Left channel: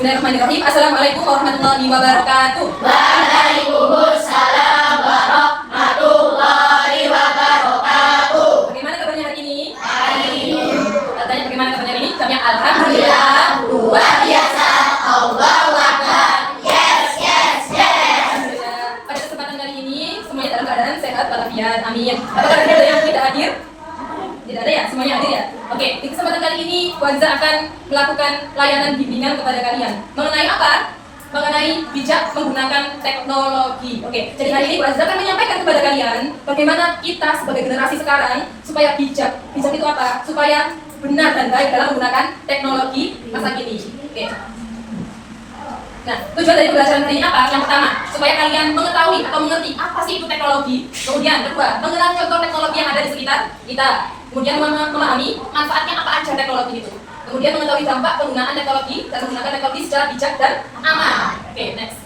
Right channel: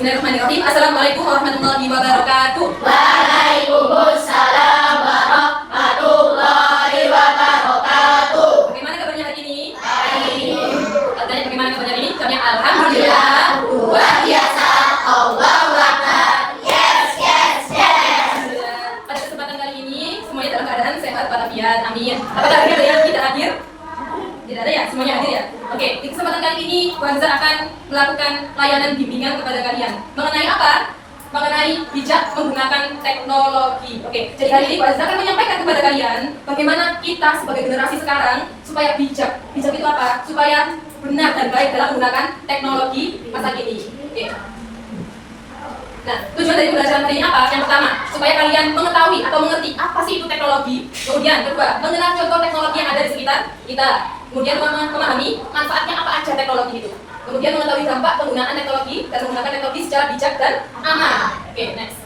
Bismillahirrahmanirrahim. Assalamualaikum warahmatullahi wabarakatuh. Waalaikumsalam warahmatullahi wabarakatuh. Bagaimana kabarnya hari ini? Baik. Katanya bagaimana kabarnya hari ini? Kami alhamdulillah. Luar biasa. Allahu Akbar. Yes. Alhamdulillah. Pada kesempatan kali ini semuanya dalam keadaan sehat walafiat. Amin. Apakah ada yang tidak hadir? Tidak ada ya? Semuanya hadir ya? Oke, di kesempatan kali ini Wanza akan melakukan layanan bimbingan kepada kalian. Mengenai apa? Mengenai bijak menggunakan teknologi. Oke, jadi hari ini Wanza akan menyampaikan kepada kalian bagaimana kita sebagai generasi sekarang supaya bijak. Bijak itu apa? Supaya benar dan baik dalam menggunakan teknologi masa kini. Oke. Nah, tujuan dari pembelajaran hari ini apa? Yang pertama, supaya kalian mengetahui atau mengerti apa sih itu teknologi. Kemudian kedua, mengenal contoh teknologi yang ada di sekitar kita. Kemudian memahami manfaatnya apa aja teknologi itu. Kemudian mengetahui dampak penggunaan teknologi dan menggunakan teknologi secara bijak dan aman. Oke, next.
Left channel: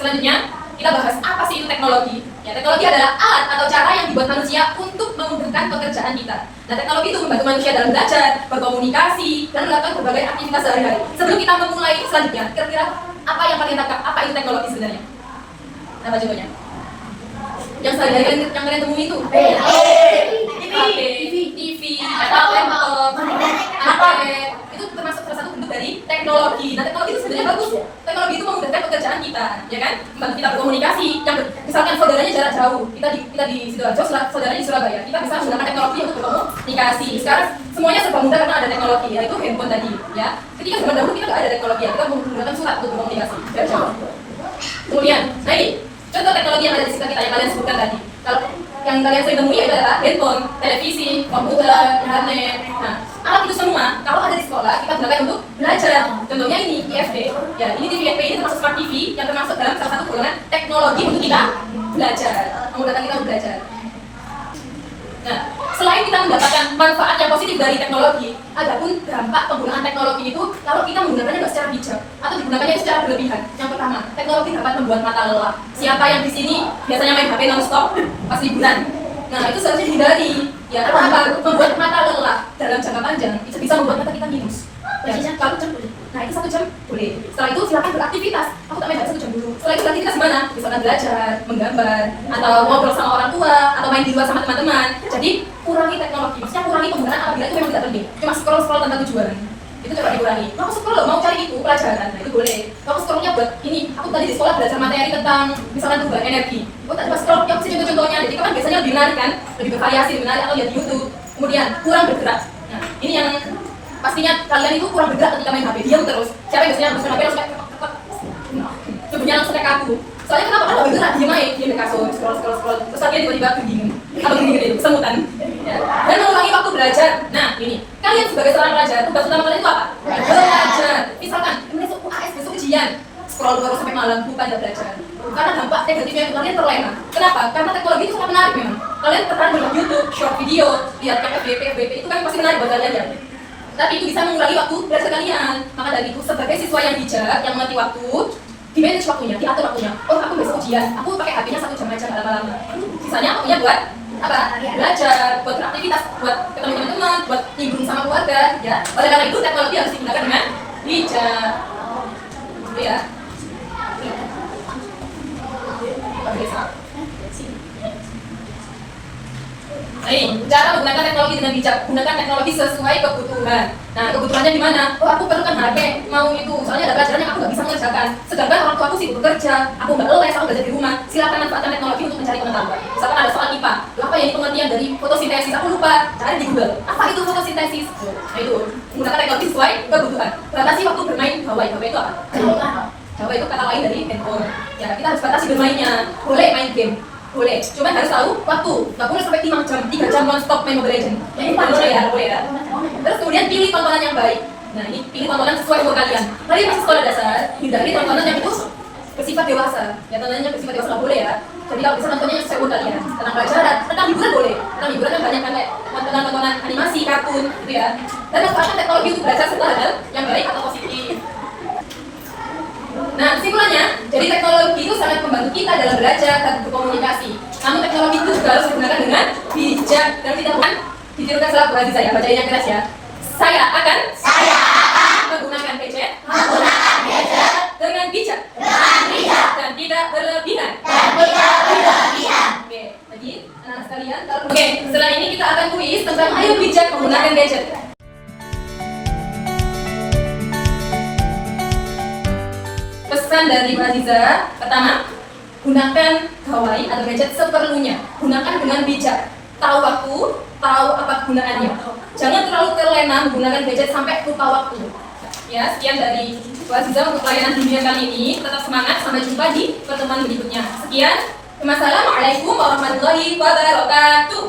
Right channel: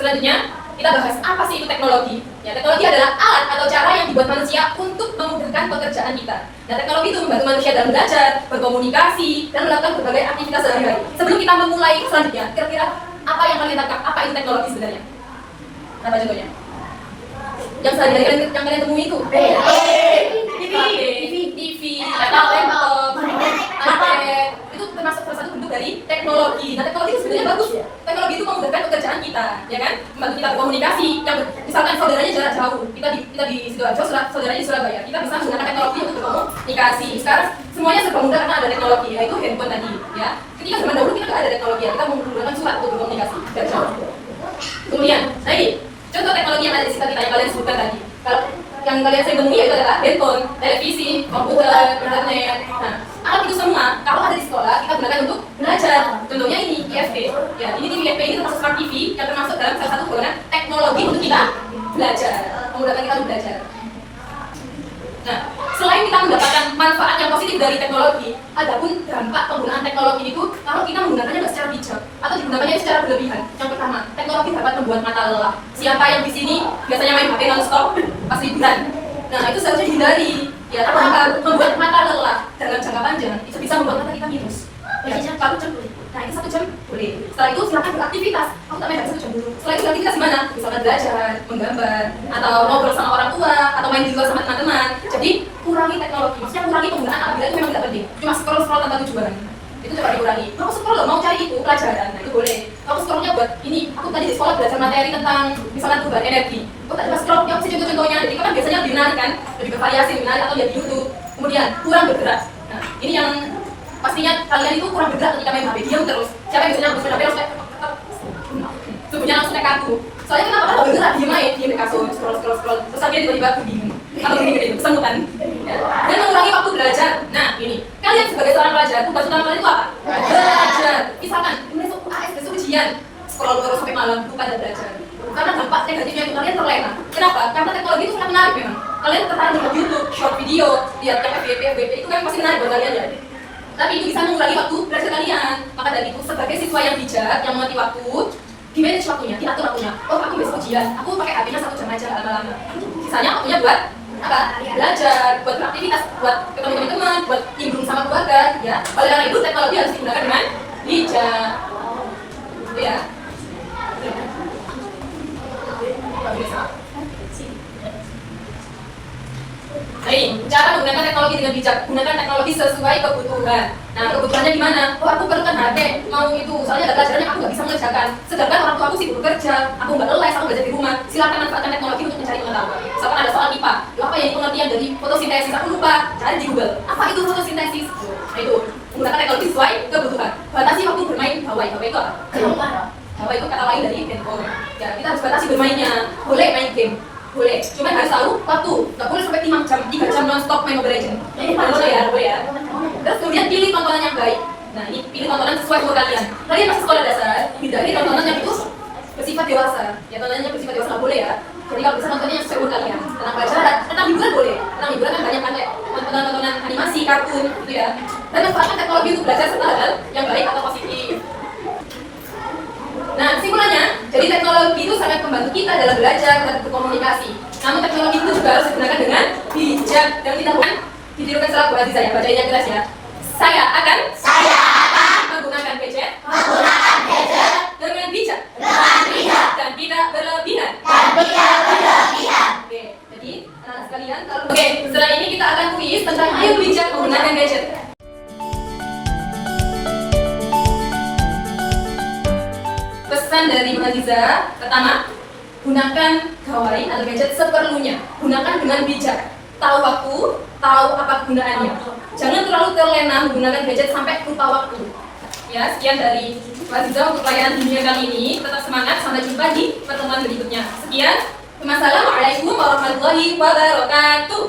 Selanjutnya, kita bahas apa sih itu teknologi. Ya, teknologi adalah alat atau cara yang dibuat manusia untuk memudahkan pekerjaan kita. Nah, teknologi itu membantu manusia dalam belajar, berkomunikasi, dan melakukan berbagai aktivitas sehari-hari. Sebelum kita memulai selanjutnya, kira-kira apa yang kalian tangkap? Apa itu teknologi sebenarnya? Apa contohnya? Yang sehari-hari yang kalian temui itu? TV, atau laptop, iPad, itu termasuk salah satu bentuk dari teknologi. Nah, teknologi itu sebenarnya bagus. Teknologi itu memudahkan pekerjaan kita, ya kan? Membantu kita berkomunikasi. Misalkan saudaranya jarak jauh, kita di Sidoarjo, saudaranya di Surabaya, kita bisa menggunakan teknologi untuk berkomunikasi. Sekarang semuanya serba mudah karena ada teknologi, yaitu handphone tadi, ya. Ketika zaman dahulu kita nggak ada teknologi, kita menggunakan surat untuk berkomunikasi. Kemudian, nah ini contoh teknologi yang ada di sekitar kita yang kalian sebutkan tadi. Kalau yang kalian sering temui itu adalah handphone, televisi, komputer, internet. Nah, alat itu semua kalau ada di sekolah kita gunakan untuk belajar. Contohnya ini IFT. Ya, ini TV IFT ini termasuk smart TV yang termasuk dalam salah satu golongan teknologi untuk kita belajar, memudahkan kita untuk belajar. Nah, selain kita mendapatkan manfaat yang positif dari teknologi, adapun dampak penggunaan teknologi itu kalau kita menggunakannya nggak secara bijak atau digunakannya secara berlebihan. Yang pertama, teknologi dapat membuat mata lelah. Siapa yang di sini biasanya main HP non-stop pas liburan? Nah, itu seharusnya dihindari. Ya, karena apa? Membuat mata lelah dalam jangka panjang itu bisa membuat mata kita minus. Ya, 1 jam boleh. Nah, itu 1 jam boleh. Setelah itu silakan beraktivitas. Aku tak main 1 jam dulu. Setelah itu beraktivitas di mana? Misalkan belajar, menggambar, atau ngobrol sama orang tua, atau main di luar sama teman-teman. Jadi kurangi teknologi. Maksudnya kurangi penggunaan apabila itu memang tidak penting. Cuma scroll tanpa tujuan. Itu coba dikurangi. Mau scroll mau cari itu pelajaran. Nah, itu boleh. Kalau scrollnya buat ini, aku tadi di sekolah belajar materi tentang misalkan perubahan energi. Oh, tak scroll yang sih contoh-contohnya. Jadi kan biasanya lebih menarik kan, lebih bervariasi, lebih menarik atau lihat di YouTube. Kemudian kurang bergerak. Nah, ini yang pastinya kalian itu kurang bergerak ketika main HP, diam terus. Siapa yang biasanya harus main HP langsung kayak tubuhnya langsung kayak kaku. Soalnya kenapa? Karena bergerak, diam di kasur, scroll. Terus akhirnya tiba-tiba begini, atau begini, kesemutan. Ya. Dan mengurangi waktu belajar. Nah, ini kalian sebagai seorang pelajar, tugas utama kalian itu apa? Belajar. Misalkan besok UAS, besok ujian, scroll terus sampai malam, bukan belajar. Karena dampak negatifnya itu kalian terlena. Kenapa? Karena teknologi itu sangat menarik memang. Kalian tertarik dengan YouTube, short video, lihat FYP itu kan pasti menarik buat kalian ya. Tapi itu bisa mengurangi waktu belajar kalian. Maka dari itu sebagai siswa yang bijak, yang mengerti waktu, di-manage waktunya, diatur waktunya. Oh, aku besok ujian, aku pakai HP-nya 1 jam aja lama-lama. Sisanya waktunya buat apa? Belajar, buat beraktivitas, buat ketemu teman-teman, buat nimbrung sama keluarga, ya. Oleh karena itu teknologi harus digunakan dengan bijak. Itu ya. Baik, cara menggunakan teknologi dengan bijak. Gunakan teknologi sesuai kebutuhan. Nah, kebutuhannya di mana? Oh, aku perlukan HP, mau itu. Soalnya ada pelajaran yang aku nggak bisa mengerjakan. Sedangkan orang tua aku sibuk bekerja, aku nggak les, aku belajar di rumah. Silakan manfaatkan teknologi untuk mencari pengetahuan. Misalkan ada soal IPA, apa yang pengertian dari fotosintesis? Aku lupa, cari di Google. Apa itu fotosintesis? Nah, itu menggunakan teknologi sesuai kebutuhan. Batasi waktu bermain gawai. Gawai itu apa? Gawai itu kata lain dari handphone. Ya, kita harus batasi bermainnya. Boleh main game. Boleh, cuma harus tahu waktu. Nggak boleh sampai 3 jam non-stop main Mobile Legends. Ini boleh ya. Terus kemudian pilih tontonan yang baik. Nah, ini pilih tontonan sesuai umur kalian. Kalian masih sekolah dasar, hindari tontonan yang itu bersifat dewasa. Ya, tontonannya bersifat dewasa nggak boleh ya. Jadi kalau bisa nontonnya yang sesuai umur kalian. Tentang pelajaran, tentang hiburan boleh. Tentang hiburan kan banyak kan, kayak tontonan animasi, kartun, gitu ya. Dan manfaatkan teknologi untuk belajar serta hal yang baik atau positif. Nah, kesimpulannya, jadi teknologi itu sangat membantu kita dalam belajar dan berkomunikasi. Namun teknologi itu juga harus digunakan dengan bijak dan tidak bukan ditirukan selaku Aziza ya, bacain yang keras ya. Saya akan Saya akan menggunakan gadget Menggunakan gadget dengan bijak dengan bijak dan tidak berlebihan. dan tidak berlebihan. Oke, jadi anak sekalian, oke, setelah ini kita akan kuis tentang ayo bijak menggunakan gadget. Pesan dari Bu Aziza, pertama, gunakan gawai atau gadget seperlunya. Gunakan dengan bijak. Tahu waktu, tahu apa gunaannya. Jangan terlalu terlena menggunakan gadget sampai lupa waktu. Ya, sekian dari Bu Aziza untuk layanan bimbingan kali ini. Tetap semangat, sampai jumpa di pertemuan berikutnya. Sekian, wassalamualaikum warahmatullahi wabarakatuh.